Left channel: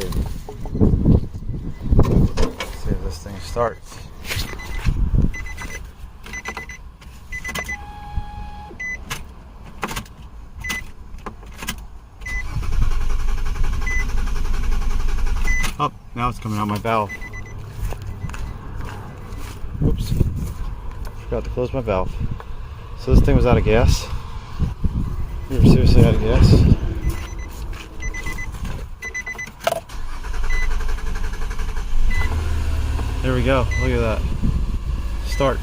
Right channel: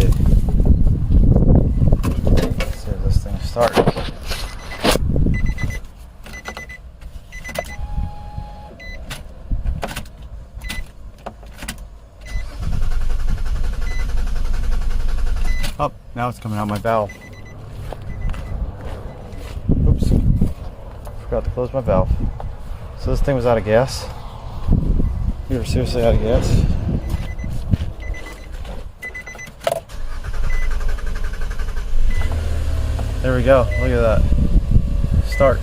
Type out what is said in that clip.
see. Let's see if this thing starts. Oh, now it's coming out my valve. Oops. Forgot to close my valve. So this thing was out of gas. We were seriously out of gas. There we go. Look at that. Starts.